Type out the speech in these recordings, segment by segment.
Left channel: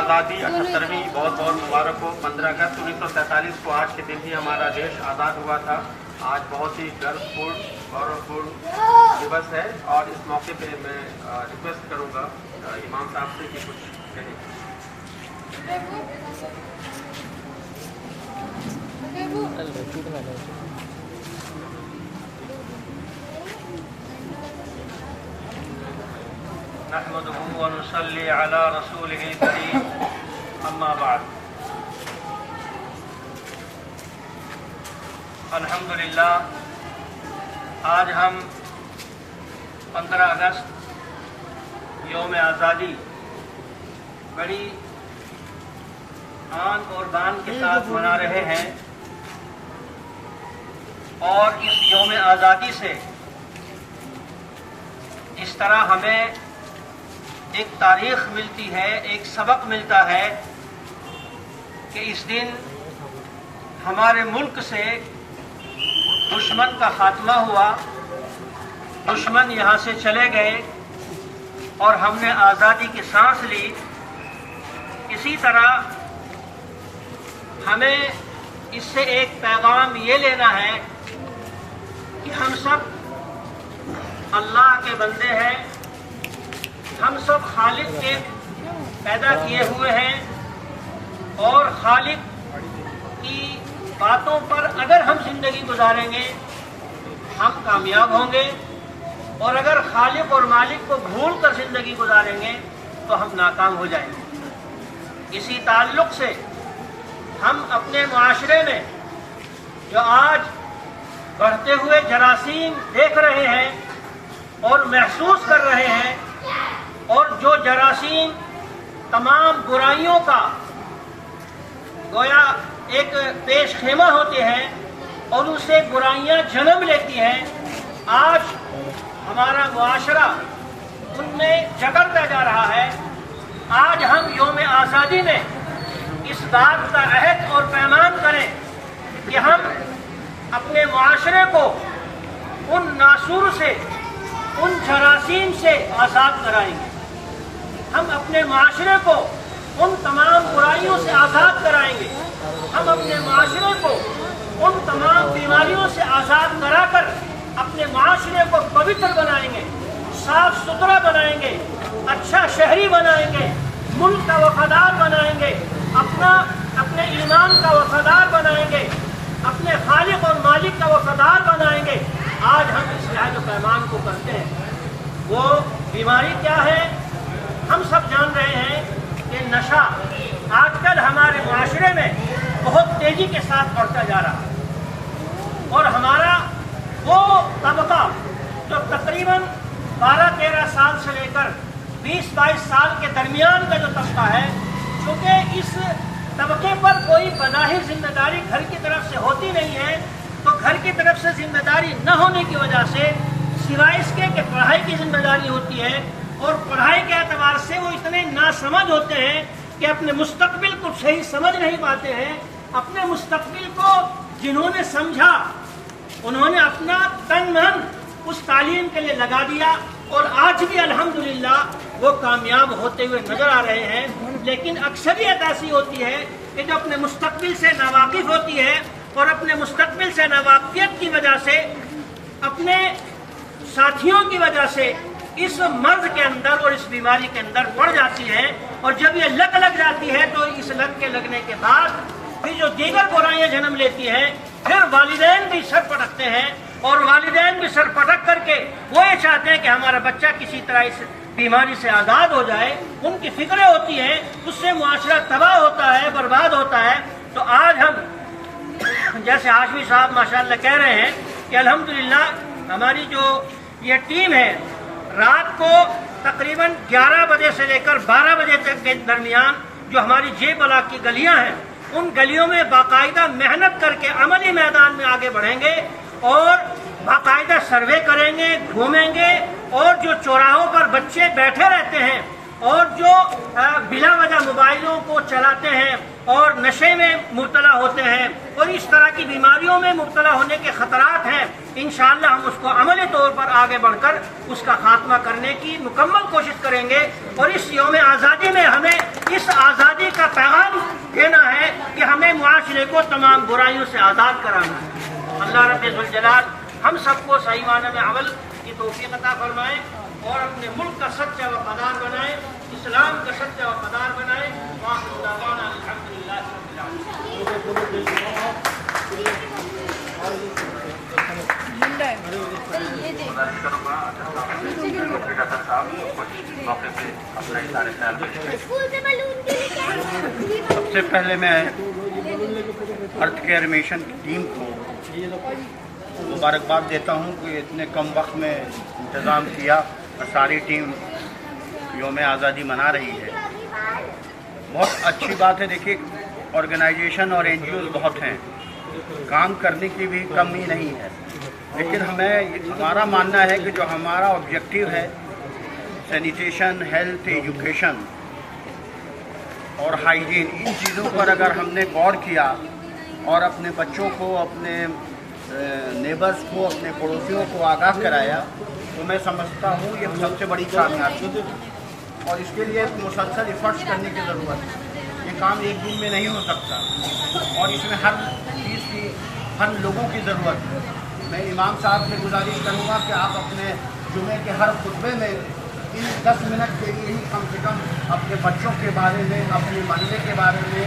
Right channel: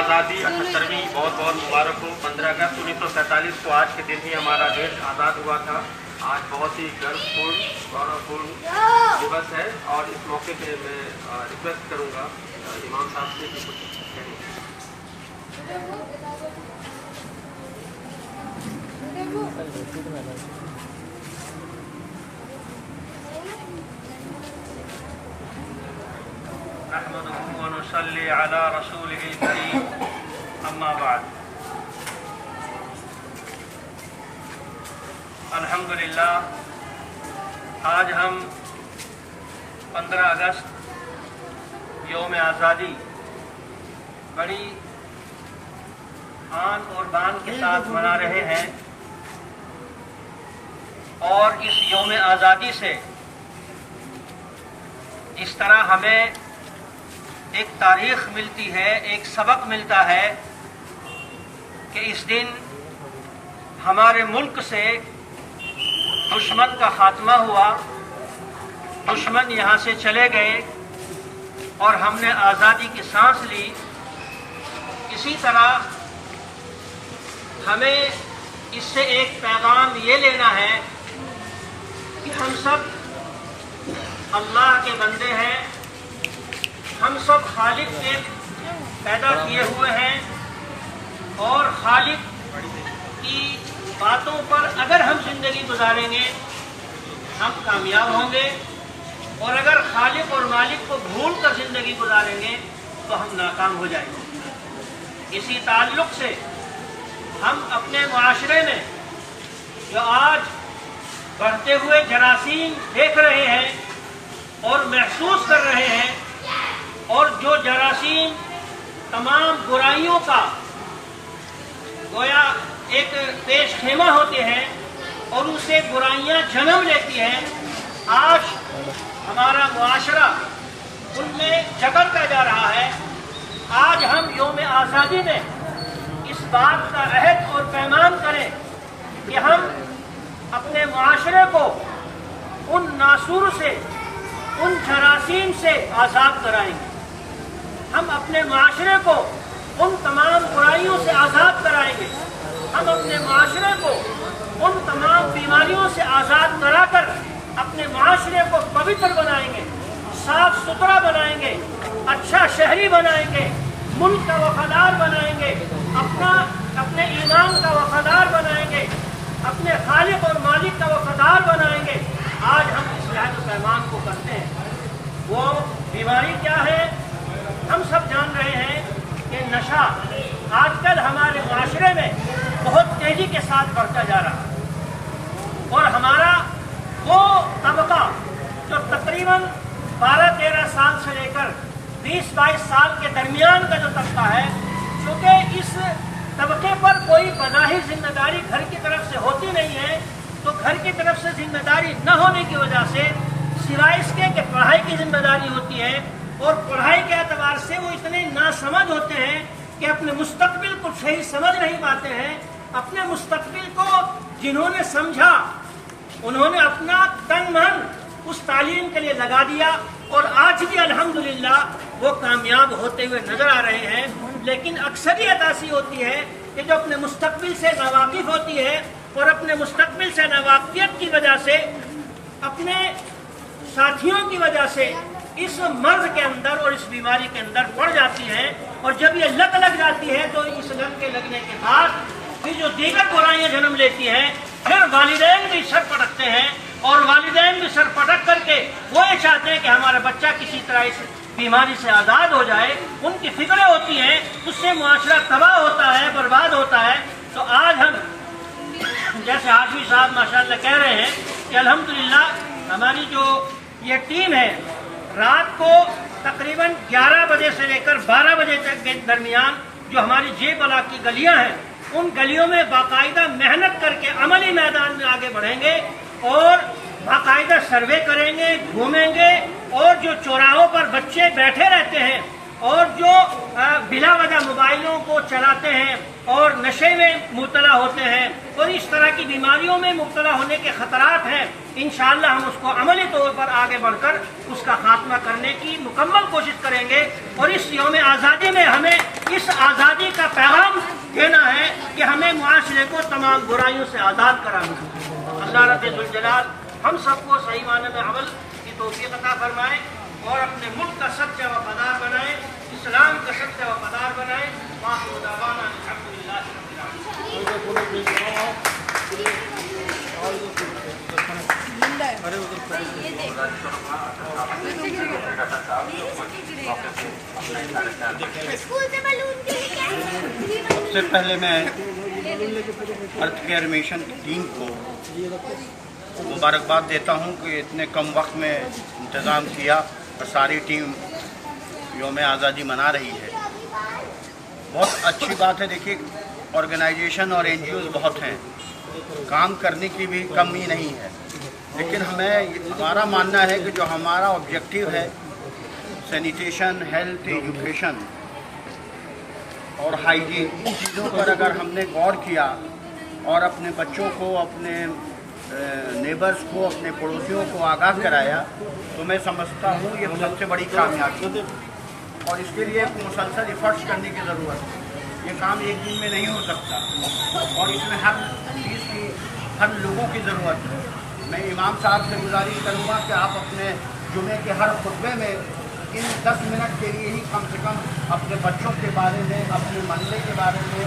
आज़ादी 78वीं बहुत बहुत मुबारक हो। 15 अगस्त 1947 को आज के दिन ही हमारा देश आज़ाद हुआ था। आज बहुत ही गर्वपूर्ण गौरवपूर्ण दिवस है और इस मौके पे मैं रिक्वेस्ट करूंगा इमाम साहब से कि कुछ नहमदुहु व नुसल्ली अला रसूलिहिल करीम, अम्मा बाद। अल्हम्दुलिल्लाह, आज हम 15 अगस्त यौम आज़ादी बड़ी आन और बान के साथ मना रहे हैं और इस यौम आज़ादी से जिस तरह हमें एक तारीख मिलती है, एक सबक मिलता है कि इस दिन हमारे मुल्क से दुश्मन का खात्मा हुआ, दुश्मन यहाँ से चले गए और हमने आज़ादी की सांस ली। इसी तरह हमें इससे एक पैगाम ये लेना है कि हम सब अल्लाह के बंदे हैं, हम सब खालिक के पैदा किए हुए हैं और खालिक की बातों पर अगर हम जिंदगी गुजारेंगे हम कामयाब होंगे और अगर खालिक और मालिक को भूल कर जिंदगी गुजारेंगे तो हम नाकाम हो जाएंगे। इसी ताल्लुक से हम अपने मुआशरे में जो आज बढ़ते हुए जरासीम देख रहे हैं और महसूस कर रहे हैं और जो जरासीम तमाम बुराइयों का गोया एक पेश खेमा होते हैं और उससे बुराइयां जन्म लेती हैं, आज हमारा मुआशरा उनमें जकड़ता जा रहा है। आज हम यौम आज़ादी में इस बात का अहद और पैमान करें कि हम अपने मुआशरे को उन नासूर से, उन जरासीम से आज़ाद कराएंगे। हम अपने मुआशरे को उन तमाम बुराइयों से आज़ाद कराएंगे। हम अपने मुआशरे को उन तमाम बीमारियों से आज़ाद कराकर अपने मुआशरे को पवित्र बनाएंगे, साफ सुथरा बनाएंगे, अच्छा शहरी बनाएंगे, मुल्क का वफादार बनाएंगे, अपने ईमान का वफादार बनाएंगे, अपने खालिक और मालिक का वफादार बनाएंगे। आज हम इस लहद पैमान को करते हैं। वो बीमारी क्या है हम सब जान रहे हैं कि नशा आजकल हमारे मुआशरे में बहुत तेजी के साथ बढ़ता जा रहा है और हमारा वो तबका जो तकरीबन 12-13 साल से लेकर 20-22 साल के दरमियान का जो तबका है, क्योंकि इस तबके पर कोई बज़ाहिर जिम्मेदारी घर की तरफ से होती नहीं है, तो घर की तरफ से जिम्मेदारी न होने की वजह से सिवाय इसके कि पढ़ाई की जिम्मेदारी होती है और पढ़ाई के एतबार से वो इतने नासमझ होते हैं कि अपने मुस्तकबिल को सही समझ नहीं पाते हैं। अपने मुस्तकबिल को जिन्होंने समझा उन्होंने अपना तन मन उस तालीम के लिए लगा दिया और आज भी अल्हम्दुलिल्लाह वो कामयाब होते हुए नजर आ रहे हैं। लेकिन अक्सरियत ऐसी होती है कि जो अपने मुस्तकबिल से नावाकिफ होती है और अपने मुस्तकबिल से नावाकिफियत की वजह से, अपने साथियों की वजह से इस मर्ज के अंदर और इस बीमारी के अंदर पड़ जाती है और जब ये लत लग जाती है तो इस लत के लगने के बाद फिर जो दीगर बुराइयां जन्म लेती है, फिर वालिदैन भी सर पटकते हैं और वालिदैन भी सर पटक करके वो ये चाहते हैं कि हमारा बच्चा किसी तरह इस बीमारी से आज़ाद हो जाए। उनकी फिक्रें होती हैं, उससे मुआशरा तबाह होता है, बर्बाद होता है। तो आज हम जैसे हाशमी साहब माशाअल्लाह कह रहे हैं कि अल्हम्दुलिल्लाह हमारी जो ये टीम है रात को तकरीबन 11 बजे से लेकर 12 बजे तक के दरमियान जो हमारी जे ब्लॉक की गलियां हैं, उन गलियों में बाकायदा मेहनत करके अमली मैदान में आगे बढ़ेंगे और बाकायदा सर्वे करेंगे, घूमेंगे और जो चौराहों पर बच्चे बैठे रहते हैं और जो बिला वजह मोबाइलों को चलाते हैं और नशे में मुब्तला होते हैं और इस तरह की बीमारियों में मुब्तला होने के खतरात हैं, इंशाअल्लाह हम उसको अमली तौर पर आगे बढ़कर उसका खात्मा करने की मुकम्मल कोशिश करेंगे। और इस यौम आज़ादी में हमें इस आज़ादी का पैगाम देना है कि हमें मुआशरे को तमाम बुराइयों से आज़ाद कराना है। अल्लाह रब्बुल जलाल हम सबको सही माने में अमल की तौफीक अता फरमाए और अपने मुल्क का सच्चा वफादार बनाए, इस्लाम का सच्चा वफादार बनाए। सबसे पहले मैं अर्थ केयर मिशन की टीम को मुबारकबाद देता हूं कि इतने कम वक्त में इंतज़ाम किया और सारी टीम यौम आज़ादी मना रही है। बहुत अच्छी बात है। देखिए, ऑर्गेनाइजेशन और NGOs बहुत हैं, काम करने की भी कमी नहीं है, लेकिन हमारा मानना है कि जो हमारा ऑब्जेक्टिव है सैनिटेशन, हेल्थ, एजुकेशन और हाइजीन, इन चीज़ों पर अगर हमने गौर किया और अपने बच्चों को, अपने नेबर्स को, अपने पड़ोसियों को आगाह कराया, तो मैं समझता हूँ ये सबसे बड़ी कामयाबी। और इसके लिए मुसलसल एफर्ट्स करने की ज़रूरत है। ये काम एक दिन में नहीं हो सकता और इसमें हर चीज़ की, हर लोगों की ज़रूरत है। मैं इमाम साहब से गुजारिश करूँगा कि आप अपने जुमे के हर खुतबे में इन 10 मिनट के लिए ही कम से कम अपने बच्चों के बारे में, अपने मोहल्ले के बारे में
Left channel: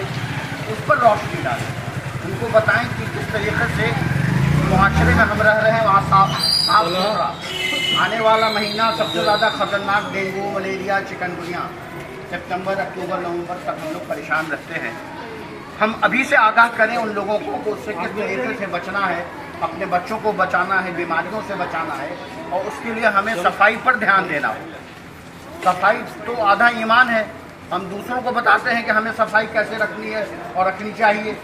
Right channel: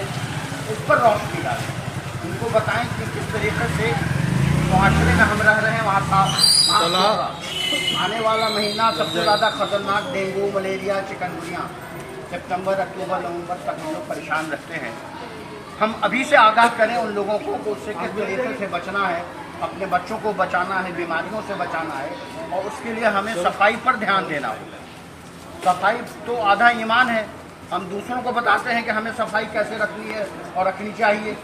उस पर रोशनी डालें। उनको बताएं कि किस तरीके से मुआशरे में हम रह रहे हैं, वहाँ साफ सुथरा। आने वाला महीना सबसे ज़्यादा ख़तरनाक डेंगू, मलेरिया, चिकनगुनिया, सितंबर, अक्टूबर, नवंबर तक हम लोग परेशान रहते हैं। हम अभी से आगाह करें उन लोगों को कि उससे किस तरीके से बचना है, अपने बच्चों को बचाना है, बीमारियों से बचाना है, और उसके लिए हमें सफाई पर ध्यान देना होगा। सफाई तो आधा ईमान है। हम दूसरों को बताते हैं कि हमें सफाई कैसे रखनी है और रखनी चाहिए।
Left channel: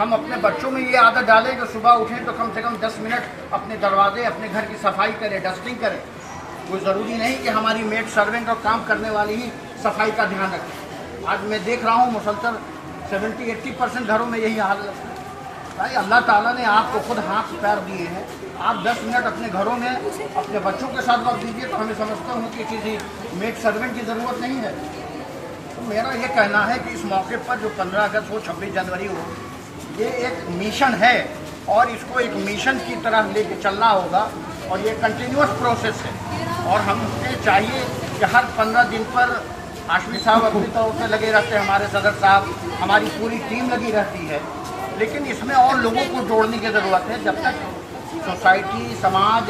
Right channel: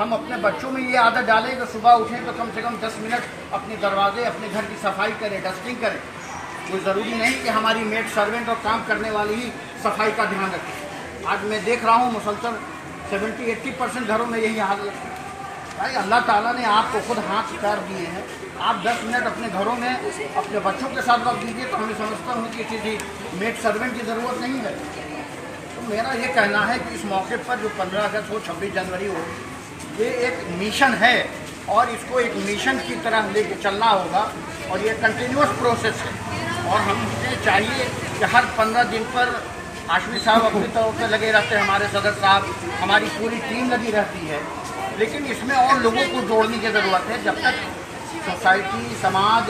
हम अपने बच्चों में ये आदत डालें कि सुबह उठें तो कम से कम 10 मिनट अपने दरवाजे, अपने घर की सफाई करें, डस्टिंग करें। कोई ज़रूरी नहीं कि हमारी मेड, सर्वेंट और काम करने वाली ही सफाई का ध्यान रखें। आज मैं देख रहा हूँ मुसलसल 70-80% घरों में यही हाल है। भाई, अल्लाह ताला ने आपको खुद हाथ पैर दिए हैं, आप 10 मिनट अपने घरों में अपने बच्चों के साथ वक्त दीजिए, तो हमें समझता हूँ कि किसी मेड सर्वेंट की ज़रूरत नहीं है। तो मेरा ये कहना है कि इस मौके पर जो 15 अगस्त हो, 26 जनवरी हो, ये एक मिशन है और इसको एक मिशन की तरह लेके चलना होगा और ये कंटिन्यूअस प्रोसेस है। और हमें चाहिए कि हर 15 दिन पर हाशमी साहब अपनी तौर से लगे रहते हैं, हमारे सदर साहब, हमारी पूरी टीम लगी रहती है, लेकिन इसमें और लोगों को जोड़ने की ज़रूरत है। जब तक सोसाइटी, समाज,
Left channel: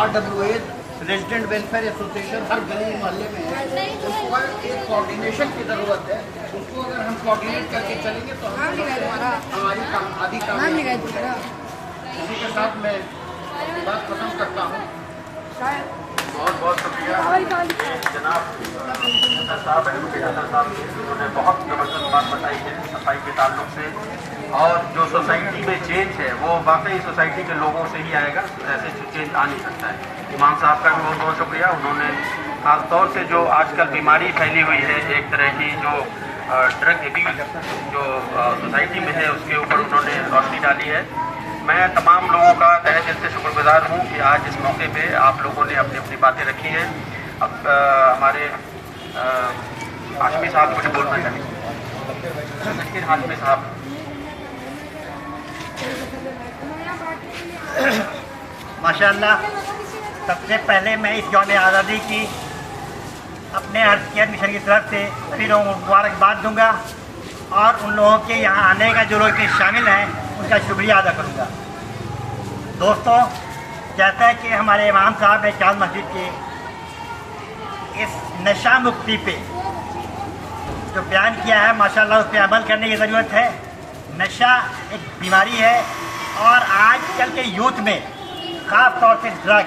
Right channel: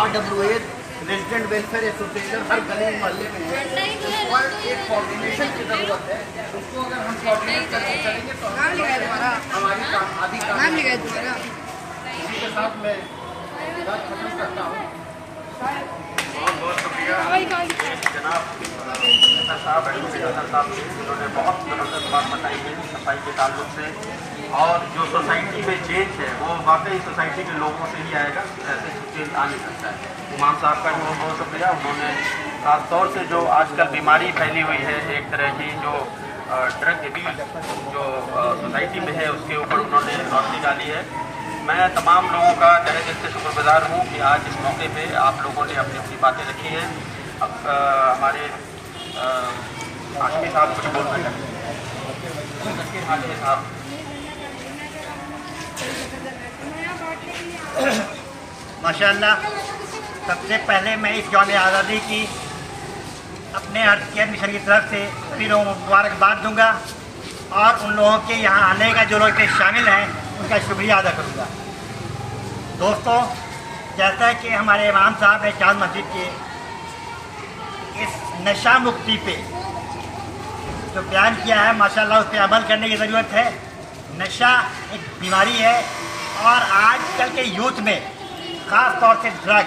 RWA, रेजिडेंट वेलफेयर एसोसिएशन हर गली मोहल्ले में है, उस पर एक कोऑर्डिनेशन की ज़रूरत है। उसको अगर हम कोऑर्डिनेट करके चलेंगे तो हमारी आधी काम। इसी के साथ मैं बात खत्म करता हूँ। बहुत बहुत शुक्रिया जनाब उन्होंने बहुत ज़बरदस्त बात बताई है सफाई के ताल्लुक से। और जो सोसाइटी में चेंज है वो वाकई सोसाइटी के लोगों से ही आएगा, ऐसे चेंज आ नहीं सकता है। इमाम साहब का भी बहुत बहुत शुक्रिया। उन्होंने ख़ास तौर से जो आजकल बीमारी फैली हुई है, एक तरह की जो ड्रग एब्यूज जो सोसाइटी में है, उसके ऊपर उन्होंने रोशनी डाली है। मैं तमाम लोगों का तहे दिल से शुक्रगुजार हूँ कि आज इस मौके पे आप लोगों ने अपनी अपनी बातें रखी हैं। अब हमारे हाशमी साहब कुछ बोलना चाहिए। हाशमी साहब। माशाअल्लाह, सबसे पहले मैं इस यौम आज़ादी की अपने अर्थ केयर मिशन की तरफ से सभी लोगों को मुबारकबाद दूंगा और उन लोगों के यहाँ आने का जो लोग शामिल हैं उनका शुक्रिया अदा करूंगा। दोस्तों, जैसा कि हमारे इमाम साहब ने चांद मस्जिद के इस नशा मुक्ति पे जो बयान किया है, माशाअल्लाह उस पर अमल करने की ज़रूरत है। नशा एक बीमारी है और आजकल के यूथ में ख़ास तौर से ड्रग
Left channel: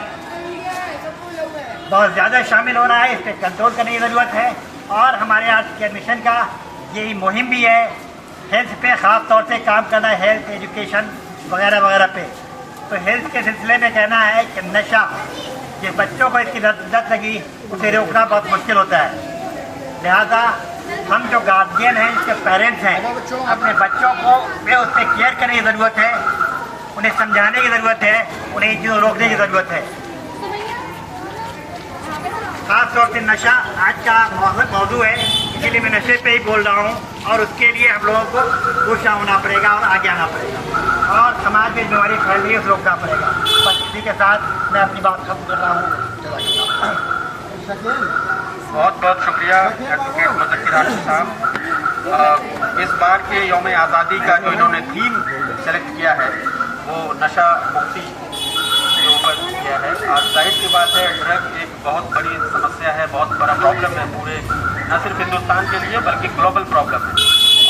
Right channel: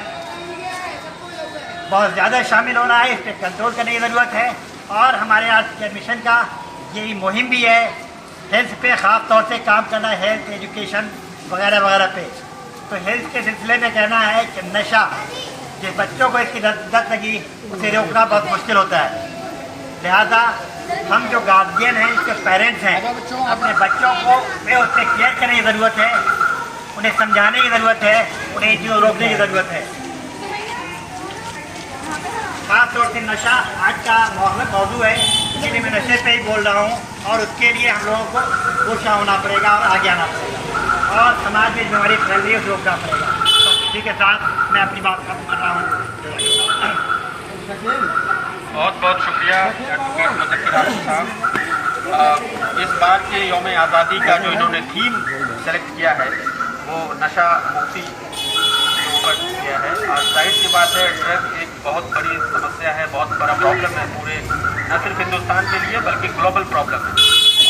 बहुत ज़्यादा शामिल हो रहा है। इस पर कंट्रोल करने की ज़रूरत है और हमारे अर्थ केयर मिशन का यही मुहिम भी है, हेल्थ पे ख़ास तौर से काम करना, हेल्थ, एजुकेशन वगैरह वगैरह पे। तो हेल्थ के सिलसिले में कहना है कि नशा, जिस बच्चों को इसकी लत लगी उसे रोकना बहुत मुश्किल होता है। लिहाजा हम जो गार्जियन हैं, इसके पेरेंट्स हैं, अपने बच्चों को वे उससे केयर करने की ज़रूरत है, उन्हें समझाने की ज़रूरत है, उन्हें इन चीज़ों को रोकने की ज़रूरत है। खास तौर से नशा आज का मौजू है, इसीलिए मैं नशे पे ही बोल रहा हूँ और उसके लिए हम लोगों को कोशिश होना पड़ेगा और आगे आना पड़ेगा और समाज में बीमारी फैल रही है उसे रोकना पड़ेगा। बस इसी के साथ मैं अपनी बात खत्म कर रहा हूँ। बहुत बहुत शुक्रिया एडवोकेट मुज़क्किर हाशिम साहब। इस बार के यौम आज़ादी का जो इन्होंने थीम सेलेक्ट किया है वो नशा मुक्ति के ऊपर किया है। आज जाहिर सी बात है, ड्रग एक बहुत बड़ी समस्या है, बहुत बड़ा प्रॉब्लम है पूरे न सिर्फ हिंदुस्तान के लिए बल्कि ग्लोबल प्रॉब्लम है।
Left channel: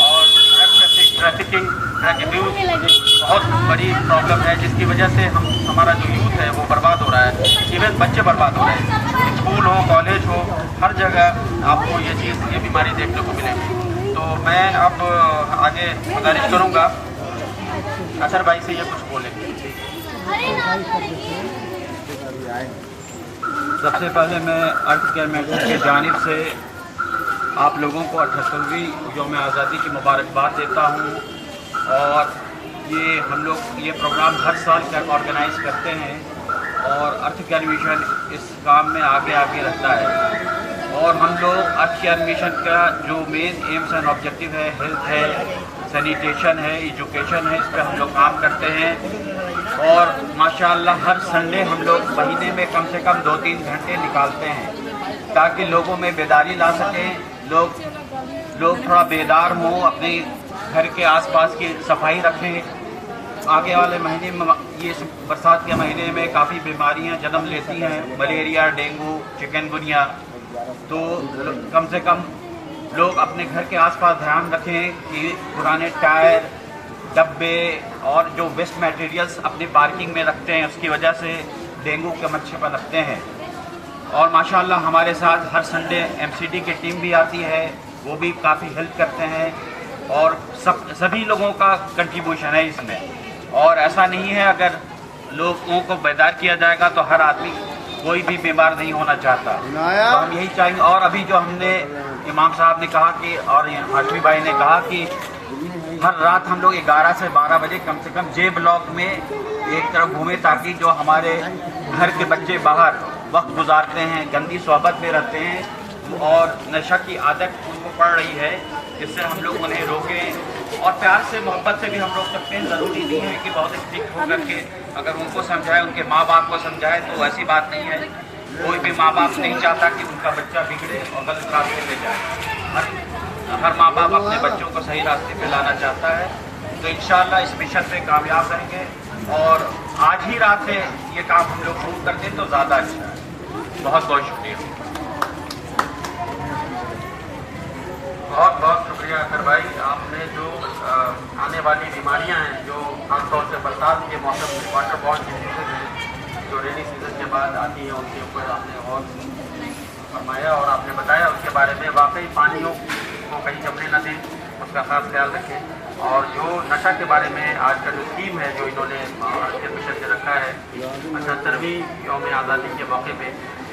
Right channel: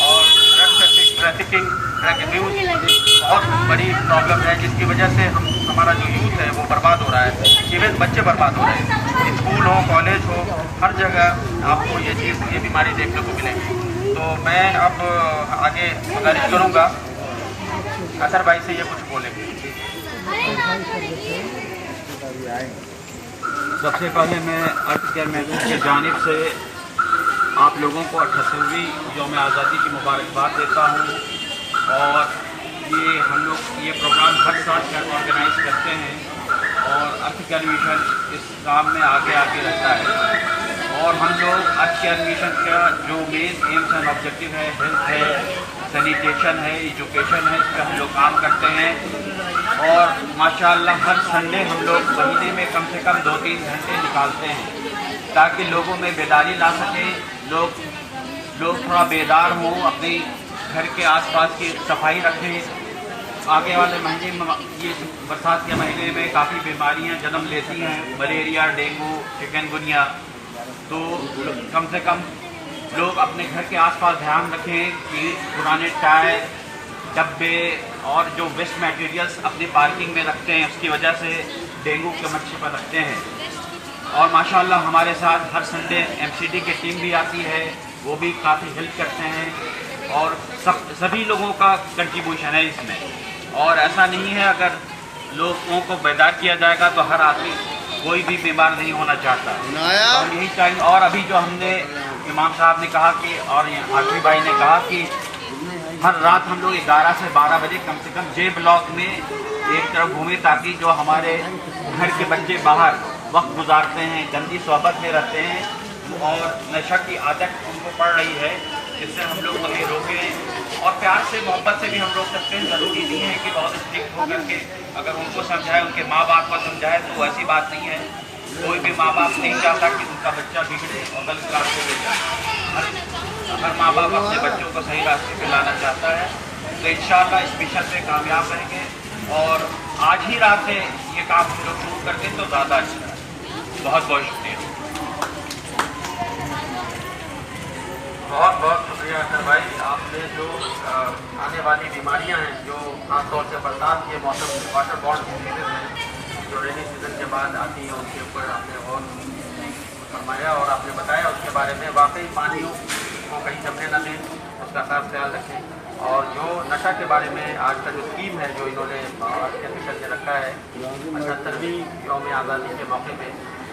और ड्रग ट्रैफिकिंग, ड्रग अब्यूज़ एक बहुत बड़ी प्रॉब्लम है जिसकी वजह से हमारा जो यूथ है वो बर्बाद हो रहा है, इवन बच्चे बर्बाद हो रहे हैं। स्कूल हो, कॉलेज हो, हर जगह आपको ये बीमारी देखने को मिलेगी। तो मैं अब आगे गुजारिश करूँगा असर भाई से ये कुछ बोलेंगे। सबसे पहले मैं अर्थ केयर मैगजीन की जानिब से आप लोगों को 78वीं यौम आज़ादी की मुबारकबाद देता हूँ। और ये हम लोग ये प्रोग्राम हर साल ऑर्गेनाइज करते हैं और अर्थ केयर मिशन इस काम में आगे रहता है। और हम लोग अर्थ केयर मिशन का जो मेन एम्स एंड ऑब्जेक्टिव है, हेल्थ है, सैनिटेशन है, एजुकेशन है, इस पर हम लोग काम करते हैं। और माशाअल्लाह हर संडे हम लोग महीने में कम से कम 2-3 घंटे निकालते हैं ताकि लोगों में बेदारी ला सकें, लोग थोड़ा बेदार हों, अपने घर के आसपास की सफाई रखें। आगे वाले महीने में, ये बरसात के महीने में काफ़ी बीमारियां जन्म लेती हैं, मलेरिया, डेंगू, चिकनगुनिया। तो कम से कम लोग अपने घर के आसपास ध्यान रखें कि पुराने टायर, डब्बे और जो वेस्ट मटेरियल्स अपनी पार्किंग में रखते हैं उसकी वजह से डेंगू के मच्छर पनपते हैं। और माशाअल्लाह हमारे साथ हर संडे एमसीडी की टीम भी आती है, वो भी काफ़ी हेल्प करते हैं और सभी लोगों का कंट्रीब्यूशन है इसमें। और ऐसा नहीं है, अगर लोगों को बेदार किया जाएगा तो हर आदमी कोई भी बीमार नहीं होना चाहता। तो हम यही चाहेंगे। और अभी जो हमने इमाम साहब ने कहा कि और हाशमी भाई ने कहा कि हर रात हम लोग 11 से 12 बजे कम से कम जे ब्लॉक में एक तरफ घूमें ताकि जो हमारे घर के बच्चे बाहर वक्त गुजारते हैं, गंदी सोहबत में रहते हैं और नशा की आदत उनको पड़ रही है, जिससे हम लोग उन्हें रोकें और प्यार से मोहब्बत से भी हम रोक सकते हैं। ज़रूरी नहीं है कि बहुत स्ट्रिक्ट होकर के अगर उनको समझाए, उनके माँ बाप को समझाए, तो ऐसी बात नहीं है। कोई भी माँ बाप नहीं चाहता कि उनका बच्चा बिगड़े और गलत रास्ते पे जाए। हर माँ बाप अपने बच्चों को सही रास्ते पे लाना चाहता है। तो इंशाअल्लाह इस मिशन पे कामयाब रहेंगे और आज ही रात से ये काम हम लोग शुरू कर दें तो ज़्यादा अच्छा है। बहुत बहुत शुक्रिया। बहुत बहुत शुक्रिया असर भाई। आपने जो आने वाली बीमारियां हैं जो खासतौर से बरसात के मौसम में वाटर बॉर्न डिजीजेज हैं जो रेनी सीजन के बाद आती हैं, उनके ऊपर आपने और फरमाया और आपने बताया उसके बारे में। वाकई पानियों को कहीं जमने न दें, उसका खास ख्याल रखें। और जो नशा के बारे में आज का जो थीम है जो इन्होंने अर्थ केयर मिशन ने रखा है 78वीं यौम आज़ादी के मौके पे,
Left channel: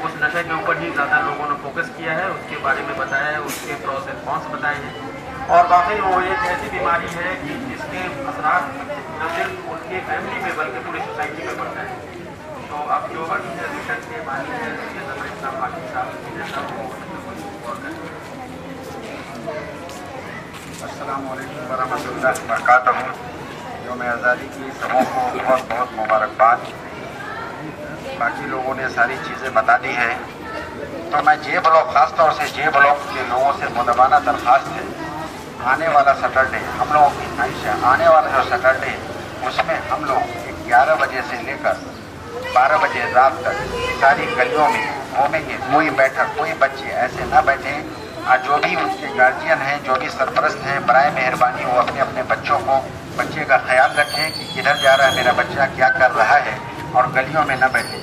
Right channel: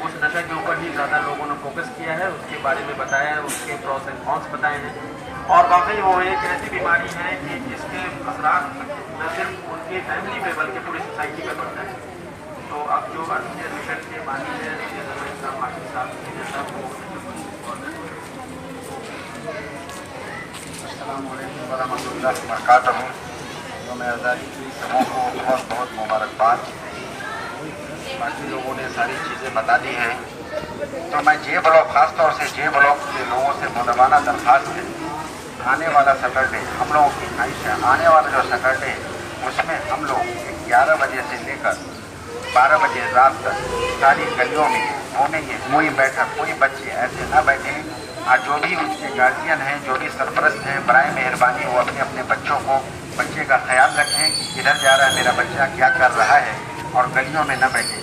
उस नशे के ऊपर ही ज़्यादा लोगों ने फोकस किया है, उसके बारे में बताया है, उसके प्रॉस एंड कॉन्स बताए हैं। और वाकई वो एक ऐसी बीमारी है कि जिसके असरात न सिर्फ उनकी फैमिली पे बल्कि पूरी सोसाइटी पे पड़ता है। तो अब जो अर्थ केयर मिशन के बानी है ज़मीर साहब, हाशिम साहब, ये सब वो गौर करेंगे। अस्सलामु अलैकुम वरहमतुल्लाहि वबरकातुहू। यौम आज़ादी की सबों को बहुत बहुत मुबारकबाद। बाकी लोगों ने सारी चीज़ें बता दी हैं, तो मैं जे ब्लॉक, ख़ास तौर से जे ब्लॉक के लोगों से मुदवाना दरख्वास्त है, आने वाला सैटरडे हम लोगों की ख्वाहिश है, आने वाला जो सैटरडे है उसमें हम लोग 11 बजे से लेकर 12 बजे रात तक सारी गलियों में घूमेंगे। कोई बैठक, कोई बच्चे ऐसे ना बैठें। और जो भी उनके गार्जियन हैं, जो भी सरपरस्त हैं, बराए मेहरबानी वो अपने अपने बच्चों को, बच्चे का ख्याल रखें कि किधर जा रहा है मेरा बच्चा, क्या कर रहा है, और गलियों में न बैठे।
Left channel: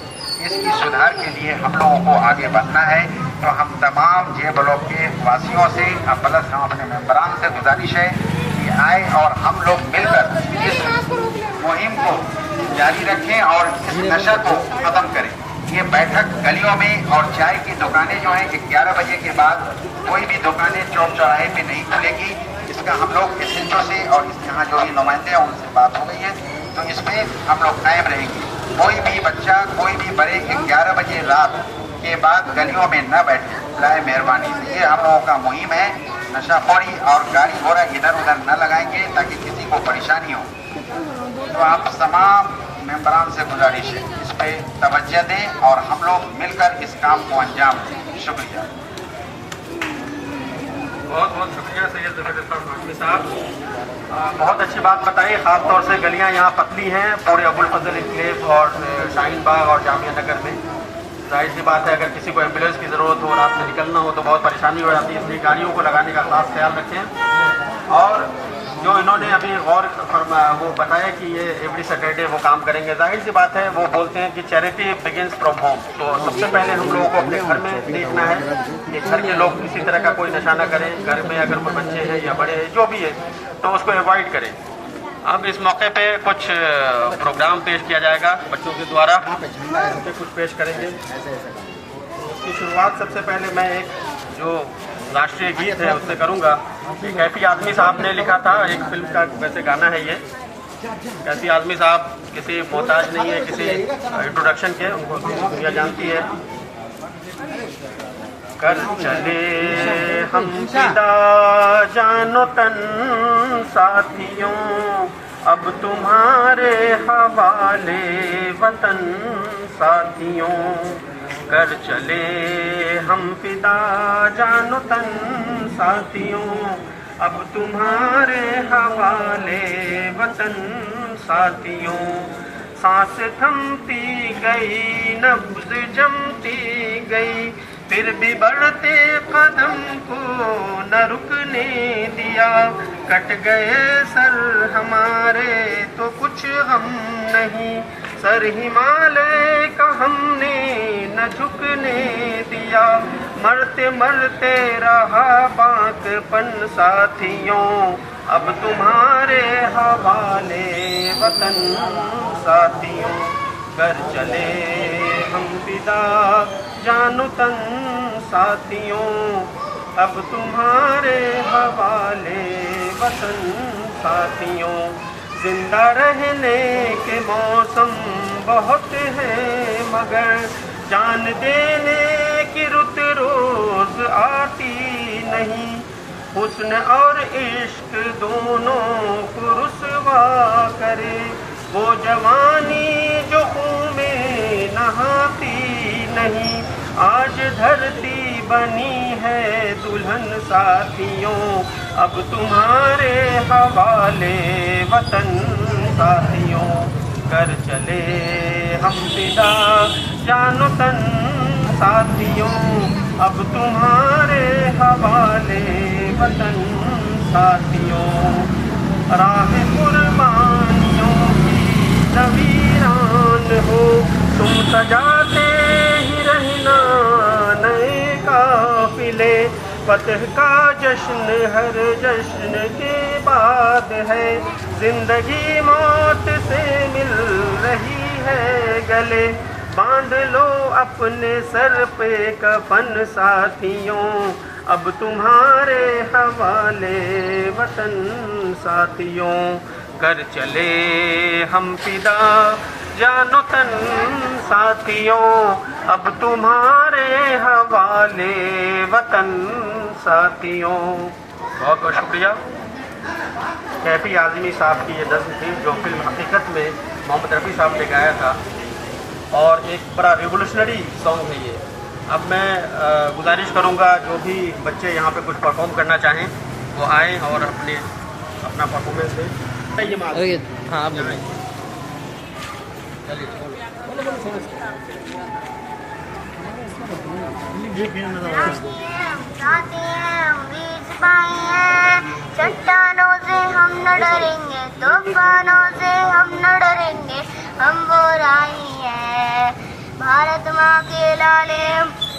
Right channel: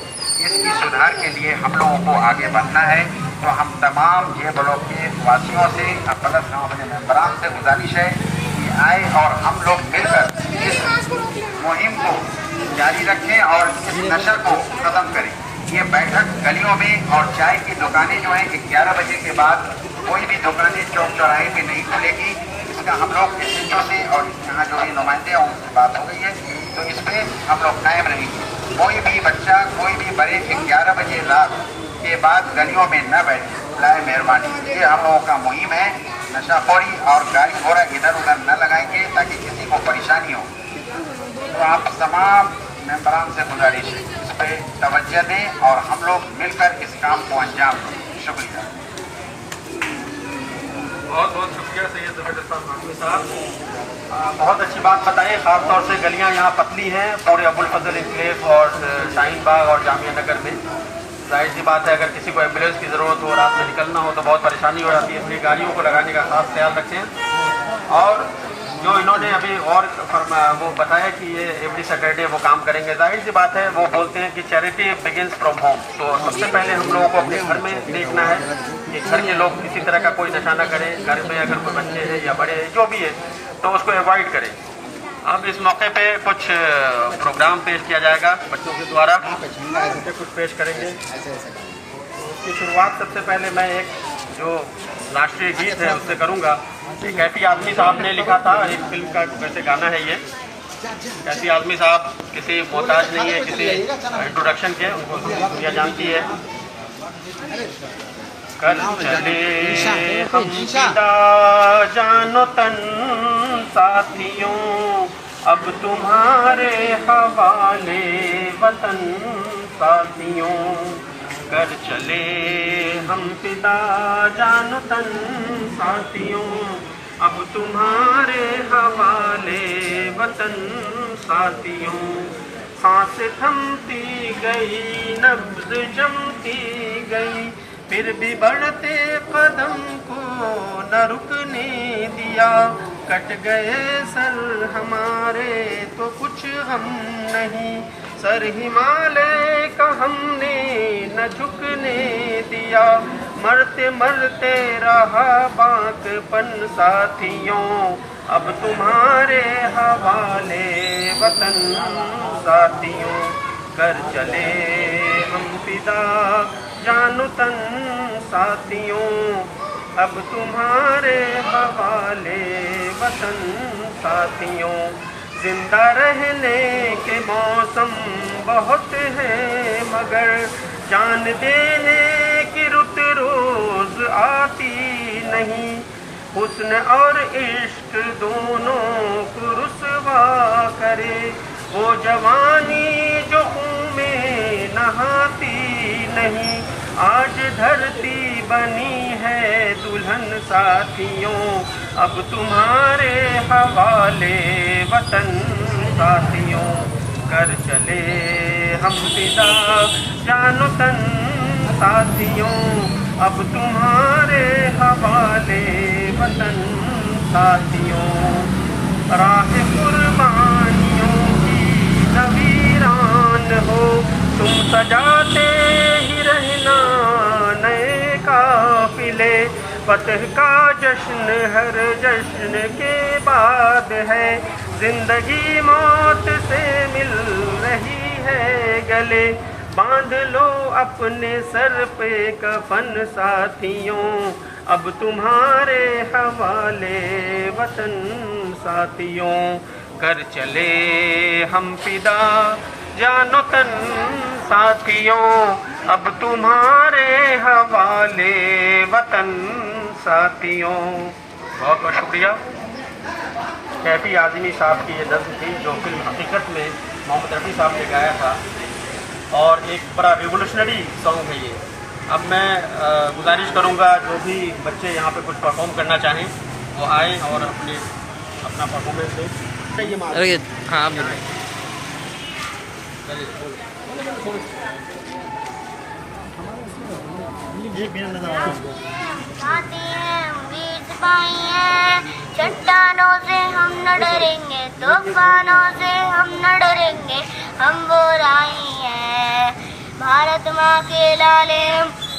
इसकी सुधार के लिए हम लोगों को आगे बढ़ना है। तो हम तमाम जे ब्लॉक के वासियों से प्लस हम अपने मेंबरान से गुजारिश है कि आए और हम लोग मिलकर इस मुहिम को जारी रखें और इस नशा को ख़त्म करें। ये बैठक गलियों में और चाय की दुकानें जो हैं 11 बजे के बाद कोई भी दुकानें चौक चौराहे पे नहीं खुलेगी। इसका हम लोग SHO से और इस यहाँ जो भी नुमाइंदे हैं उनसे बात हो गई है, तो इस पे हम लोग कायम रहेंगे। कोई भी बच्चा, कोई भी बड़े 11 बजे रात के बाद गलियों में न बैठे, लाए मेहरबानी से। ये हम लोगों का मुहिम है। नशाखोरी और गाड़ी घोड़ा इधर उधर न लगाएंगे ताकि किसी को परेशानी हो। तो आप तमाम मेंबरान से गुजारिश है, इस पे तवज्जो दें और हम लोग मिलकर इस काम को अंजाम दें। शुक्रिया। बहुत बहुत शुक्रिया सैयद ज़बरदस्त हाशमी साहब, बहुत अच्छी बात बताई। ख़ास तौर से गलियां यहाँ पतली हैं पूरे अबुल फजल इनक्लेव और शाहीन बाग और जामिया नगर में। जाहिर सी बात है, अगर किसी को एम्बुलेंस की ज़रूरत हो, रात से निकलना हो तो बहुत परेशानी हो जाती है, इसलिए गाड़ियों को लगाने का खास ख्याल रखें। और जो इन्होंने अभी और वो बताया कि ये एवरी सैटरडे वो काम करेंगे, जाहिर सी बात है, वो बोलते हैं कि चैरिटी बिगिंस फ्रॉम होम। तो सबसे पहले हम लोगों को अपने घर में देखना है कि घर के लोग किसी तरह का कोई नशा न करें। घर में अगर कोई बच्चे हैं या बड़े हैं जो भी है तो उसको अवॉइड करें। अब इस मौके पे कुछ प्रोग्राम पेश किया जाएगा बच्चों के द्वारा, बच्चे कुछ पेश करेंगे। उसकी शुरुआत सबसे पहले मैं एक जो राष्ट्रीय गीत है उससे करूंगा। ये कैफी आज़मी साहब ने लिखा था, एक फिल्म का वैसे गाना है ये। कैफी आज़मी साहब किसी मोहताज नहीं है किसी इंट्रोडक्शन के, उनको दुनिया जानती है। कर चले हम फिदा जानो तन साथियों, अब तुम्हारे हवाले वतन साथियों। कर चले हम फिदा जानो तन साथियों, अब तुम्हारे हवाले वतन साथियों। सांस थमती गई, नब्ज़ जमती गई, फिर भी बढ़ते कदम को न रुकने दिया। कट गए सर हमारे तो कुछ हम नहीं, सर हिमालय का हमने न झुकने दिया। मरते मरते रहा बांकपन साथियों, अब तुम्हारे हवाले वतन साथियों। कर चले हम फिदा जानो तन साथियों, अब तुम्हारे हवाले वतन साथियों। जिंदा रहने के मौसम बहुत हैं मगर जान देने की रुत रोज आती नहीं। हुस्न और इश्क दोनों को रुसवा करे, वो जवानी जो खून में नहाती नहीं। आज धरती बनी है दुल्हन साथियों, अब तुम्हारे हवाले वतन साथियों। कर चले हम फिदा जानो तन साथियों, अब तुम्हारे हवाले वतन साथियों। राह कुर्बानियों की नवीरान हो, तुम सजाते ही रहना नए काफिले। फतह का जश्न हर जश्न के बाद है, जिंदगी मौत से मिल रही है गले। बांध लो अपने सर पे कफन साथियों, अब तुम्हारे हवाले वतन साथियों। कर चले हम फिदा जानो तन साथियों, अब तुम्हारे हवाले वतन साथियों। बहुत बहुत शुक्रिया। कैफी आज़मी साहब की ये नज़्म थी जो फिल्म हकीकत में मोहम्मद रफ़ी साहब ने गाया था, और एक बड़ा रिवोल्यूशनरी सॉन्ग है ये। अब मैं गुजारिश करूँगा जो भी बच्चे यहाँ पे कुछ परफॉर्म करना चाहें वो आएँ और अपना परफॉर्मेंस दें। अरे हाँ चट्टानों से हम न डरेंगे, तूफानों से हम न डरेंगे, हम वो राही हैं। भारत माँ के लाले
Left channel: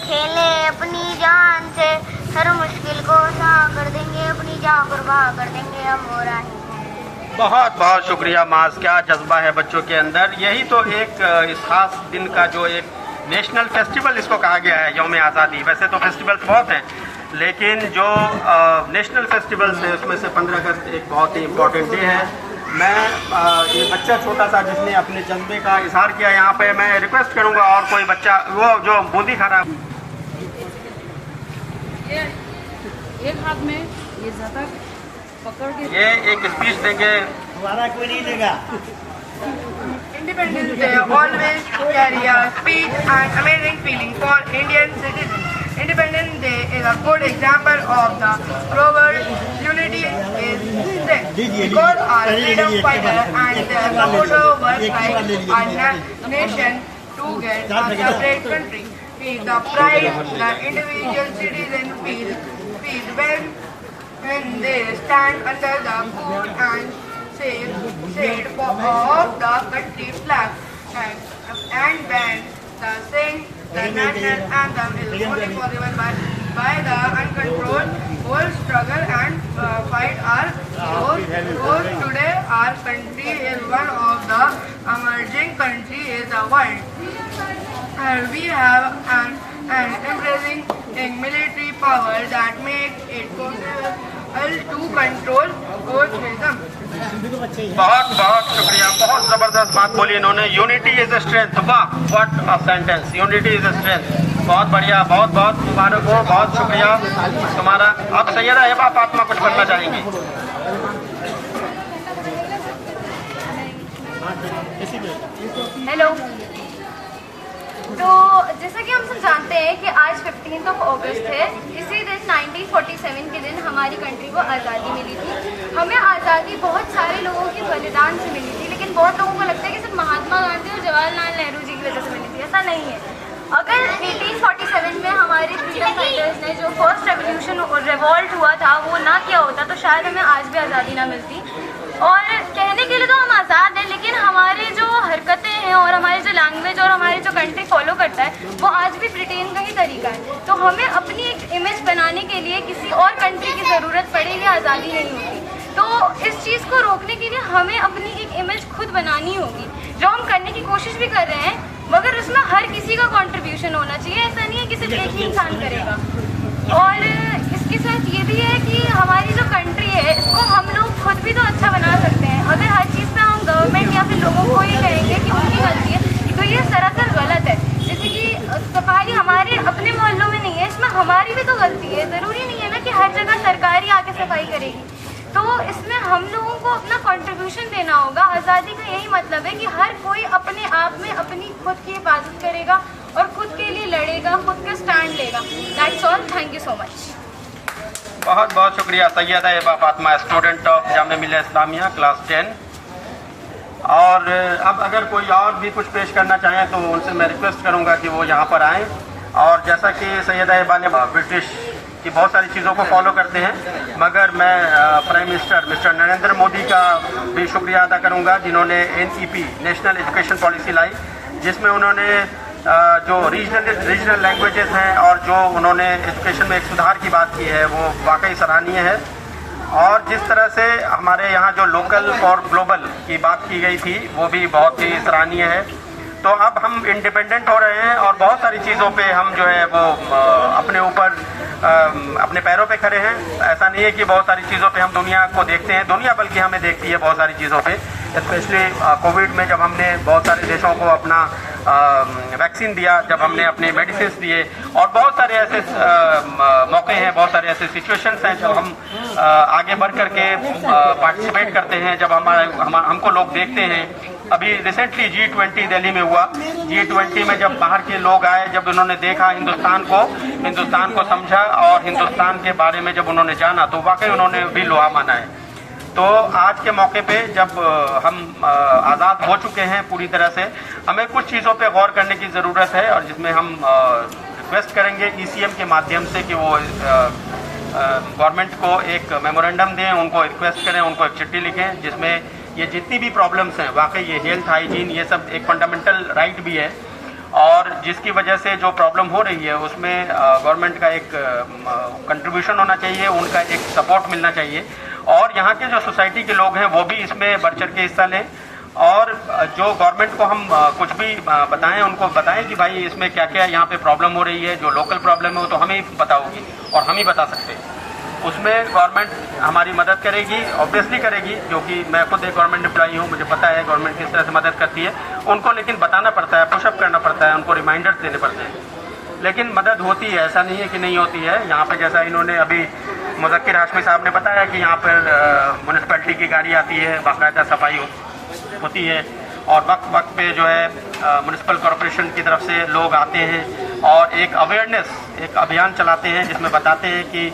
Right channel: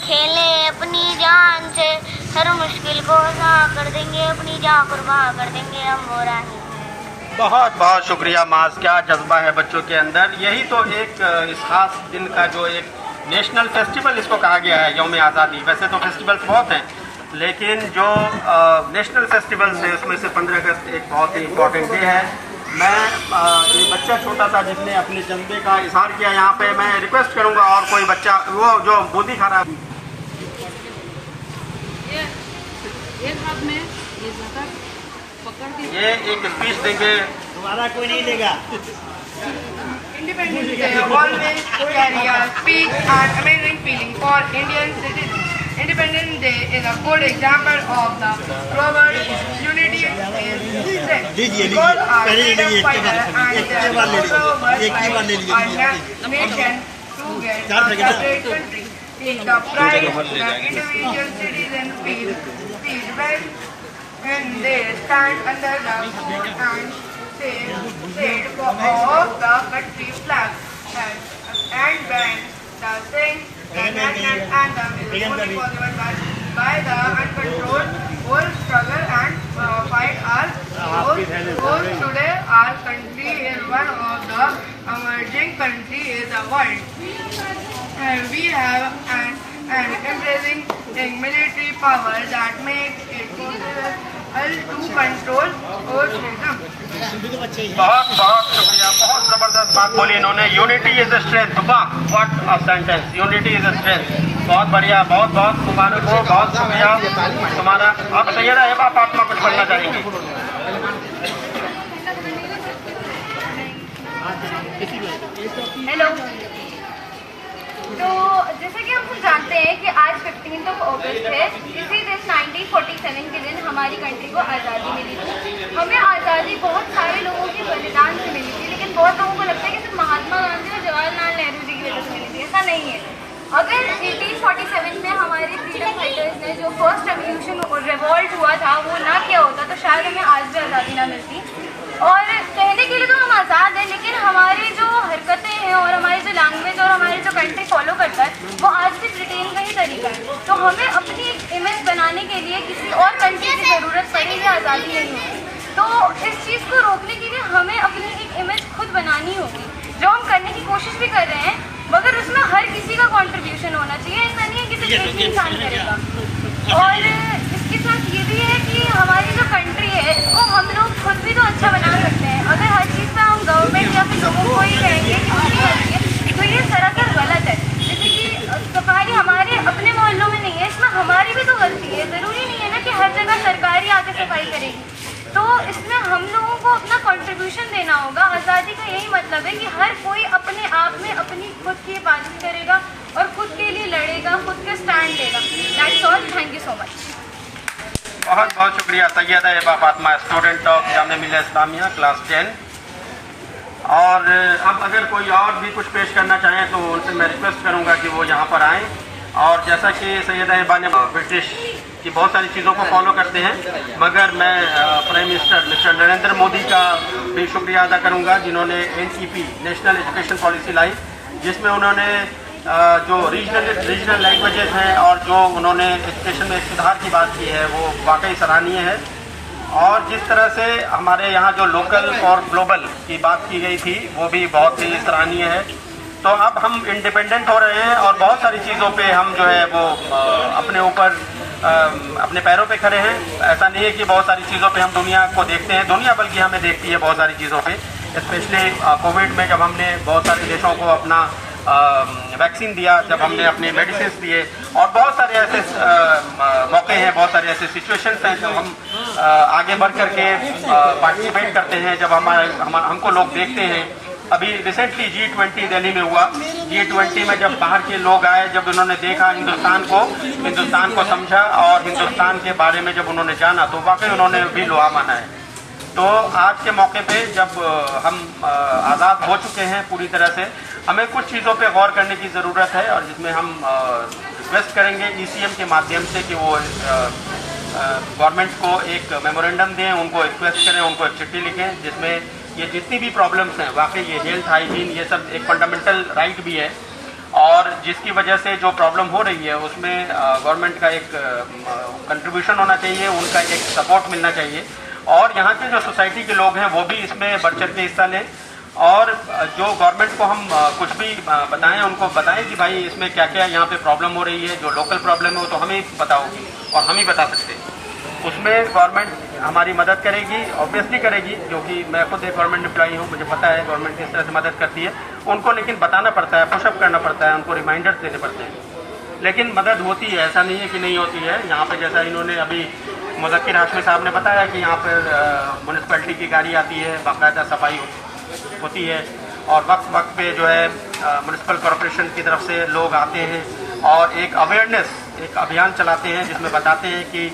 खेले अपनी जान से, हर मुश्किल को आसान कर देंगे, अपनी जान कुर्बान कर देंगे, हम वो राही हैं। बहुत बहुत शुक्रिया माज, क्या जज्बा है बच्चों के अंदर। यही तो एक इस खास दिन का जो एक नेशनल फेस्टिवल इसको कहा गया है, यौम आज़ादी। वैसे तो फेस्टिवल्स बहुत हैं लेकिन जो नेशनल फेस्टिवल्स है उसमें से 15 अगस्त एक बहुत ही इम्पोर्टेंट डे है। मैं ये बच्चा छोटा सा जिसने अपने जज्बे का इजहार किया, यहाँ पे मैं रिक्वेस्ट करूँगा और कोई बच्चा वो जो बूंदी खा रहा है ये एक स्पीच देंगे। हमारा कोई नहीं देगा। Independence Day always carry a speech and amazing feeling for Indian citizens. Independence Day is a good example of the global unity is strength. Because our freedom fighter and their supporter were like our nation to get a separate country. Is the pride the individual citizens feel when they stand under the fort and shade of the country flag and band the sing the national anthem is only possible by the uncontrolled whole struggle and fight our goals. Today our country is one of the emerging countries in the world. We have an embracing military power that makes it possible to control terrorism. बहुत बहुत शुक्रिया, बहुत जबरदस्त बात बोली इन्होंने। Unity is a strength. वाह, what a sentence, unity is a strength. बहुत बढ़िया, बहुत बहुत मुबारक हो, बहुत शुक्रिया तुम्हारा। अब सैयदा हिबा फातिमा कुछ पढ़ना चाहेंगे। हेलो, तो जैसा कि हम सब जानते हैं कि आज 15 अगस्त है। इसी दिन 1947 के दिन हमारी कंट्री को आज़ादी मिली थी। हमें आज़ादी बहुत सारे लोगों के बलिदान से मिली थी, लेकिन बहुत लोगों को लगता है कि सिर्फ महात्मा गांधी और जवाहरलाल नेहरू जी की वजह से मिली थी। ऐसा नहीं है। अगर 1847 में हमारे फ्रीडम फाइटर्स ने जो फर्स्ट रेवोल्यूशन और रिवॉल्ट हुआ था वो ना किया होता तो शायद हमें आज भी आज़ादी ना मिलती। और कहने के लिए तो हम आज़ाद हैं, लेकिन हमारी जो हरकतें हैं और हमारी जो लैंग्वेज और हमारी जो कंट्री फॉलो करता है वो आज भी ब्रिटेन का ही तरीका है। तो हमें अपनी एक इमेज बनाने के लिए किसी और कंट्री की ज़रूरत पड़ेगी, आज़ादी नहीं होगी। तो इस चीज़ को रोकने के लिए हमें अपनी एक इमेज खुद बनानी होगी, जो हम करने की कोशिश भी कर रहे हैं, मगर उसमें हर किसी का कंट्रीब्यूशन होना चाहिए। ऐसा नहीं है कि सिर्फ एक ही इंसान करेगा। और इसके साथ ये भी है कि हमारी जो कंट्री है इसको हम लोग खुद भी तो अच्छा बना सकते हैं। अगर हर चीज़ पे हम गवर्नमेंट या फिर लोगों को ही कहेंगे कि उनकी गलती है तो ये सरासर गलत है। जैसे कि सफाई हमारे अपने मोहल्लों में नहीं है, इसमें हमारी भी तो गलती है। ज़रूरी नहीं है ना कि हर जगह सरकार ही आके सफाई करेगी। तो इसमें हम लोगों को अपना कंट्रीब्यूशन देना होगा। आज़ादी का यही मतलब है कि हर कोई अपने आप में अपनी खुद की हिफाजत करेगा और खुद के लिए लड़ेगा, खुद के स्टैंड लेगा। That's all, thank you so much. बहुत बहुत शुक्रिया Syeda Hiba Fatima, student of Jamia Millia Islamia class 10। और अब अगर कोई और भी कुछ पेश करना चाहें तो उनसे मैं रिक्वेस्ट करूंगा कि वो यहाँ पर आएँ। और जैसा कि सैयदा हिबा ने ब्रिटिश की बहुत सारी चीज़ों को फॉलो करते हैं, मगर मैं prime minister mister Narendra Modi का भी शुक्रिया अदा करूंगा जिन्होंने NEP नेशनल एजुकेशन पॉलिसी लाई, जिसमें उन्होंने जो रीजनल लैंग्वेजेस हैं और जो उन्होंने एजुकेशन में एक सुधार की बात की है वो वाकई सराहनीय है। और जिस तरह से हमारे यहाँ जो लोकल फॉर ग्लोबल की बात की गई थी वो भी बहुत ही सराहनीय है। तो अब हम इंडिपेंडेंट हो रहे हैं और बहुत सारी चीज़ों पे हम जो है वो अपने ऊपर अपने पैरों पे खड़े हैं। ऐसा नहीं है कि बहुत सारी चीज़ों पे हम दुनिया को देखते हैं, दुनिया बल्कि हमें देखती है बहुत सारी चीज़ों पे। स्पेशली कोविड में जब हमने बहुत सारे देशों को अपना वैक्सीन दिया, जब हमने अपने मेडिसिन दिए, और बहुत सारे ऐसे मौके हैं, बहुत सारे ऐसे सिचुएशंस हैं जब हम आगे बढ़ करके पार्टिसिपेट करते हैं, जब हमको लोग देखते हैं। अभी रिसेंटली G20 दिल्ली में हुआ। G20 में जब बाहर के लोग आए, जब उन्होंने देखा हिंदुस्तान को समझा और हिंदुस्तान के बारे में जब उन्होंने जाना तो वाकई उन्होंने भी लोहा माना है। तो आज के मौके पे जब हम आज़ाद हो चुके हैं पूरी तरह से, हमें कुछ चीज़ों पे गौर करने की ज़रूरत है और जिसमें हम रिक्वेस्ट करेंगे ECM के माध्यम से कि वो गवर्नमेंट को एक मेमोरेंडम दें, उनको रिक्वेस्ट करें, उनको एक चिट्ठी लिखें जिसमें ये जितनी भी प्रॉब्लम्स हैं, वाकई ये हेल्थ हाइजीन ये सब एक फंडामेंटल राइट भी है और जिसकी वजह से जो प्रॉब्लम हो रही है उसमें गवर्नमेंट का एक कंट्रीब्यूशन होना चाहिए, उनका एक सपोर्ट मिलना चाहिए और यहाँ के जो सोसाइटी के लोग हैं वो भी इसमें बढ़ चढ़ के हिस्सा लें और जो गवर्नमेंट को हम कुछ भी बताएं, उनको बताएं कि भाई इसमें क्या क्या यहाँ पे प्रॉब्लम हो रही है, जो लोकल प्रॉब्लम है वो तो हमें ही पता होगी। और हम ही बता सकते हैं। उसमें गवर्नमेंट हमारी मदद करेगी, ऑब्वियसली करेगी, क्योंकि मैं खुद एक गवर्नमेंट एम्प्लॉई हूँ, मुझे पता है गवर्नमेंट किस तरह से मदद करती है उनको, लेकिन बताना पड़ता है, पुशअप करना पड़ता है, उनको रिमाइंडर्स देने पड़ते हैं। लेकिन मदद होती है, ऐसा नहीं है कि नहीं होती है। यहाँ पर जैसा इन्होंने अभी मुज़क्किर हाशमी साहब ने बताया कि यहाँ पर म्यूनिसिपैलिटी की गाड़ी आती है, बाकायदा सफाई होती है और वक्त वक्त पे जो है म्यूनिसिपल कॉरपोरेशन की तरफ से लोग आते हैं और एक अवेयरनेस, एक अभियान चलाते हैं जिसमें बताते हैं कि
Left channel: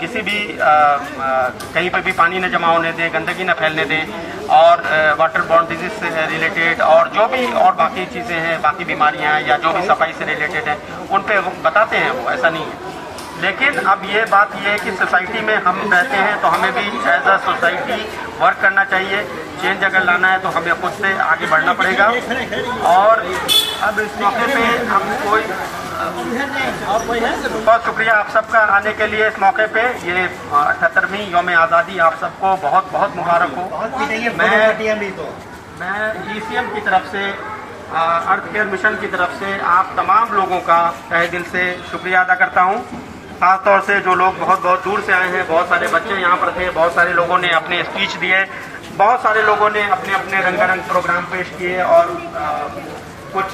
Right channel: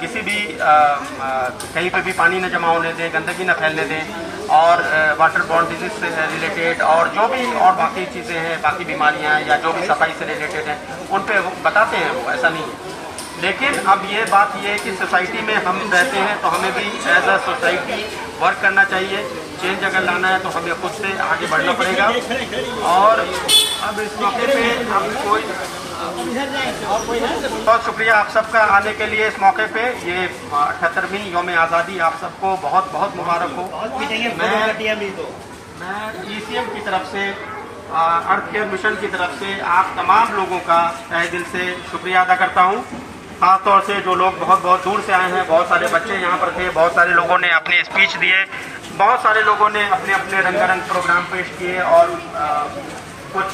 किसी भी कहीं पे भी पानी न जमा होने दें, गंदगी न फैलने दें और वाटर बॉर्न डिजीज से रिलेटेड और जो भी और बाकी चीज़ें हैं, बाकी बीमारियां हैं या जो भी सफाई से रिलेटेड हैं उन पे वो बताते हैं, वो ऐसा नहीं है। लेकिन अब ये बात ये है कि सोसाइटी में हम रहते हैं तो हमें भी एज अ सोसाइटी वर्क करना चाहिए। चेंज अगर लाना है तो हमें खुद से आगे बढ़ना पड़ेगा। और अब इस मौके पे हम कोई बहुत शुक्रिया आप सबका आने के लिए इस मौके पे। ये 78वीं यौम आज़ादी आप सबको बहुत बहुत मुबारक हो। मैं ECM की तरफ से, अर्थ केयर मिशन की तरफ से आप तमाम लोगों का तहे दिल से शुक्रिया अदा करता हूँ। खास तौर से जो लोग बहुत बहुत दूर से आए हैं, बहुत सारे बच्चे यहाँ पर थे, बहुत सारे लोगों ने अपने स्पीच दिए, बहुत सारे लोगों ने अपने अपने रंगारंग प्रोग्राम पेश किए और कुछ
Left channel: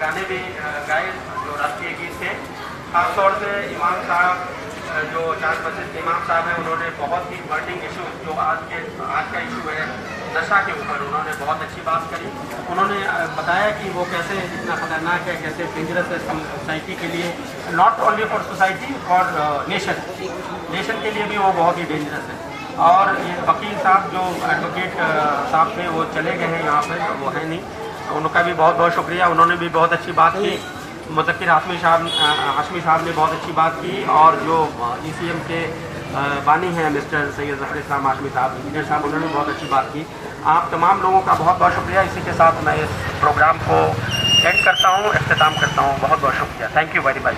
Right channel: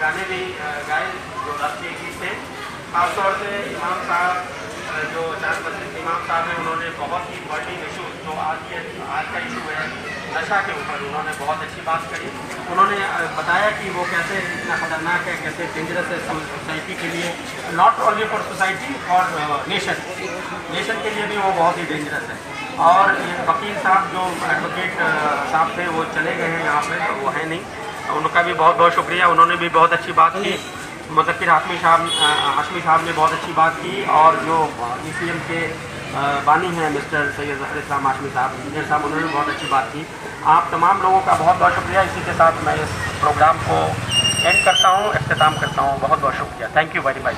गाने भी गाए जो राष्ट्रीय गीत थे। खास तौर से इमाम साहब, जो जाज मस्जिद के इमाम साहब हैं, उन्होंने बहुत ही बर्निंग इशू जो आज का इशू है नशा के ऊपर, उन्होंने बहुत अच्छी बात करी। उन्होंने बताया कि वो कैसे इतना खतरनाक है, कैसे डेंजरस है सोसाइटी के लिए, not only for society, for nation के लिए भी वो बहुत ही डेंजरस है। और ये वकील साहब जो एडवोकेट साहब थे वो चले गए हैं, यहाँ पे वो है नहीं, उनका भी बहुत बहुत शुक्रिया, उन्होंने भी बहुत अच्छी बात की। मुज़क्किर हाशमी साहब ने बहुत अच्छी बात की और जो ECM के बानी हैं मिस्टर सैयद ज़फ़र इस्लाम हाशमी साहब, इंजीनियर साहब, उन्होंने बहुत अच्छी बात की। आप तमाम लोगों का बहुत बहुत शुक्रिया। इसी के साथ मैं इस प्रोग्राम को एंड करता हूँ, इख्तिताम करता हूँ। बहुत बहुत शुक्रिया। Thank you very much.